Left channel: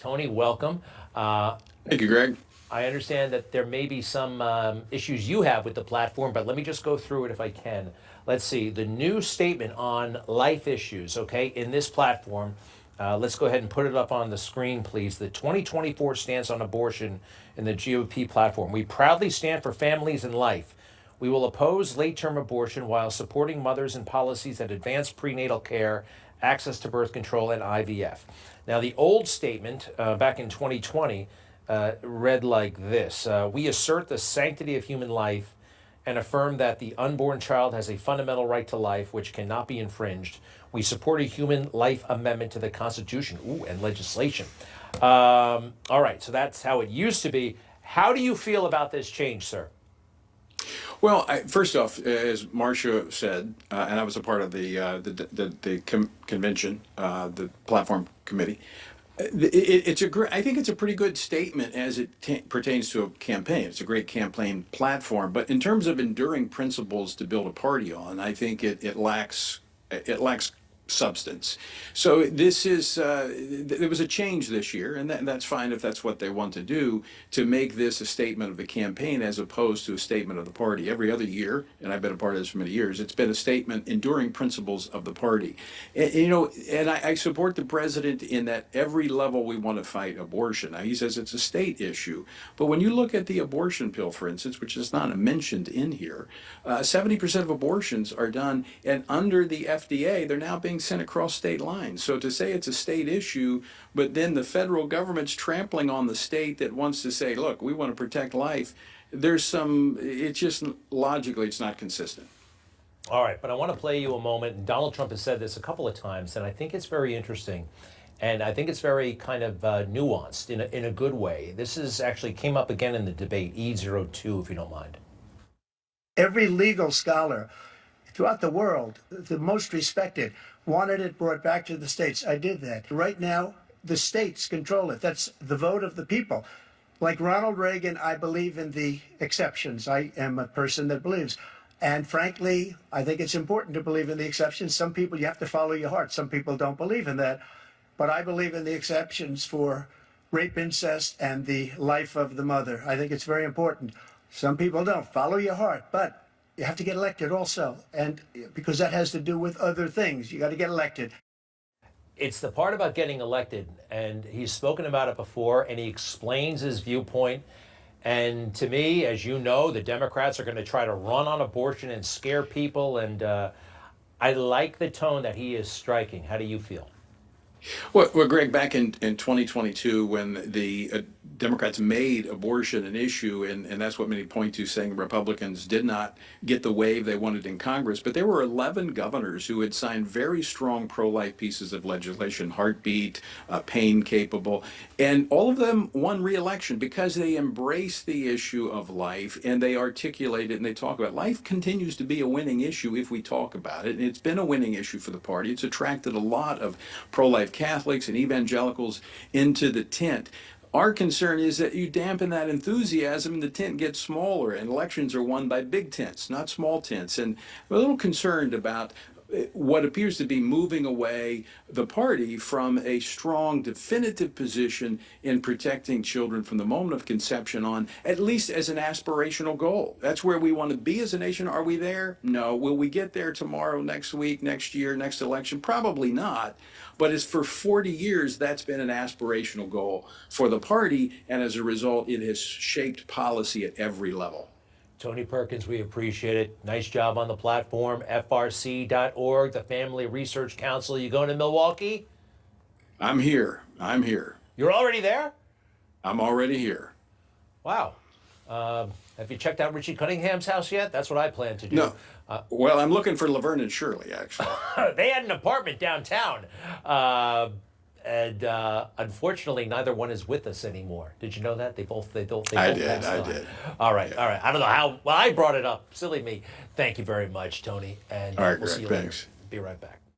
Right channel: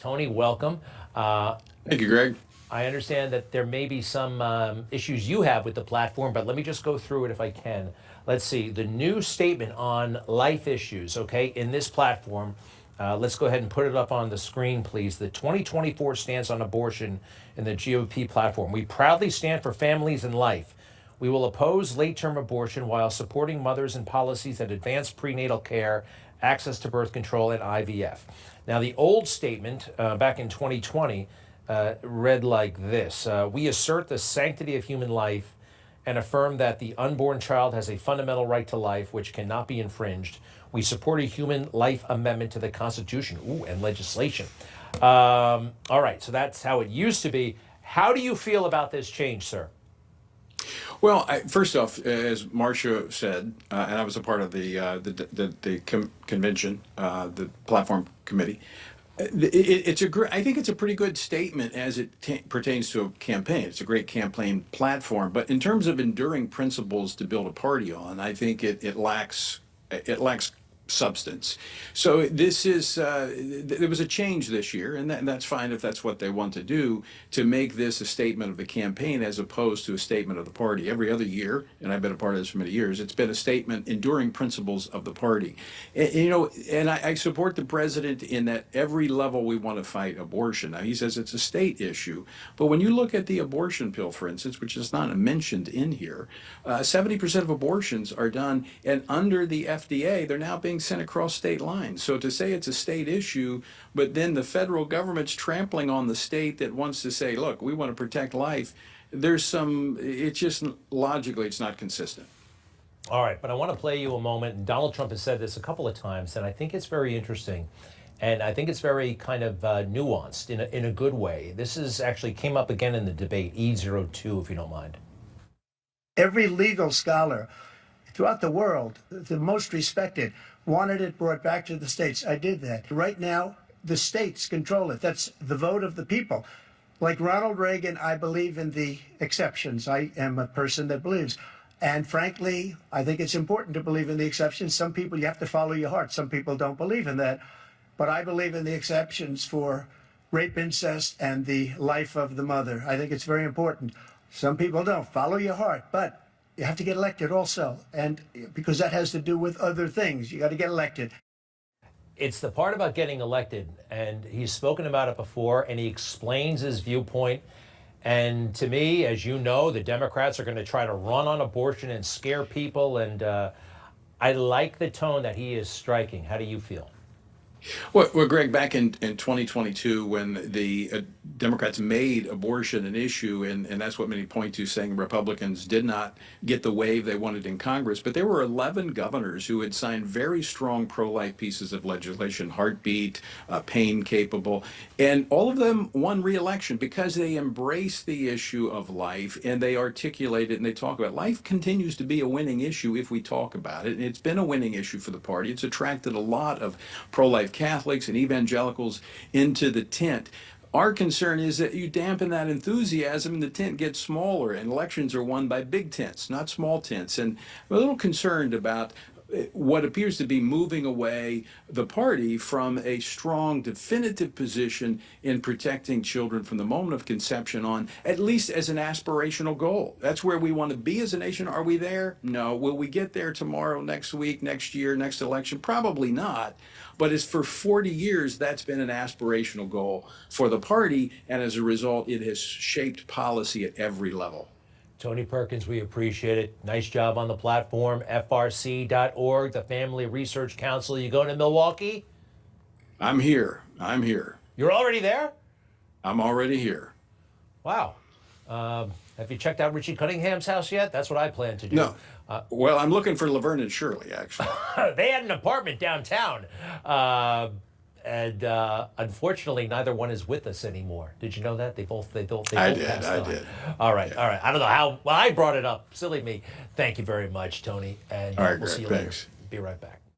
Tony, welcome. Uh, Thank you, Greg. I understand that there may be some issues you have with the platform, but let me just go through it if I can. Let's see, the new statement on life issues, okay, in this platform. Let's go ahead and put it up on the screen, please. The 2024 stance on abortion in the GOP platform. We proudly stand for families and life. We will oppose late-term abortion while supporting mothers and policies that advance prenatal care, access to birth control, and IVF. Now, the old statement back in 2020 read like this. We assert the sanctity of human life and affirm that the unborn child has a fundamental right to life which cannot be infringed. We support a human life amendment to the Constitution and legislation. All right, so that's how it used to be. How do you feel about this change, sir? Well, first off, as Marcia said, and I was a part of the convention, the platform committee. I think it's a pretty good statement as it pertains to a campaign. It's a great campaign platform, but in terms of enduring principles to build a party on, I think it lacks substance. So this is there was a change this year, and that's fine if that's what they want to do, to make this a statement of the campaign as opposed to a statement of the party. Every other year, and I've been a part of this for many years, it's been a statement, enduring principles of the party. And I support the president in that every level we want to fight abortion. Now, he says it's a state issue, but when you look at the abortion pill, for instance, which is not mentioned in here, 70% of abortions are done, and under the FDA, they're now being sent across state lines. So to say it's a state issue, but then the federal government's trampling on the state that wants to say, look, we want to protect life, it's just logically, it's not consistent. All right, but I want to play you a moment. And Donald Trump has said this a couple of times, and I think it's very interesting. And I think it's very kind of nuanced in a good way. This is actually came up again in the debate, E02, if you don't mind. Every legal scholar throughout the world, the most respected, wanted it brought back to the states. I did that. Right now, the states control it. That's the vote of the people. Like Ronald Reagan, I believe in the exceptions. I am a person that believes. And frankly, I think it's important to believe in the exceptions. Some people, you have to follow your heart. Some people don't believe in that. But I believe in the exceptions for rape, incest, and the life of the mother. I think it's very important. Some people don't. Follow your heart. But you have to get elected also, and because that has to do with other things. You got to get elected. It's the part about getting elected, and he's spoken about it before, and he explains his viewpoint. And to me, as you know, the Democrats are going to try to run on abortion and scare people, and I like the tone that he is striking. How do you feel? Well, Greg, back in 2022, when the Democrats made abortion an issue, and that's what many point to, saying Republicans did not get the wave they wanted in Congress, but there were 11 governors who had signed very strong pro-life pieces of legislation, heartbeat, pain capable, and all of them won re-election because they embraced the issue of life, and they articulate it, and they talk about it. Life continues to be a winning issue if we talk about it, and it's been a winning issue for the party. It's attracted a lot of pro-life Catholics and evangelicals into the tent. Our concern is that you dampen that enthusiasm and the tent gets smaller, and elections are won by big tents, not small tents. And we're a little concerned about what appears to be moving away the party from a strong, definitive position in protecting children from the moment of conception on, at least as an aspirational goal. That's where we want to be as a nation. Are we there? No. Will we get there tomorrow, next week, next year, next election? Probably not. But it's for 40 years, that's been an aspirational goal for the party, and as a result, it has shaped policy at every level. Tony Perkins, we appreciate it. Nice job on the platform, frc.org, the Family Research Council. You going to Milwaukee? I'm here. You're already there? I'm already here. Wow. Have you checked out Richie Cunningham's house yet? That's what I plan to do. No. Well, I'm looking for Laverne and Shirley, actually. They had an apartment downtown. And unfortunately, neither one is with us anymore.Id you know that? They both passed on. I did. All right, Yeah. all right. I don't know how. Well, I brought it up. Silly me. Thank you very much, Tony. And All right, we'll see Greg, you later. thanks. Be right back.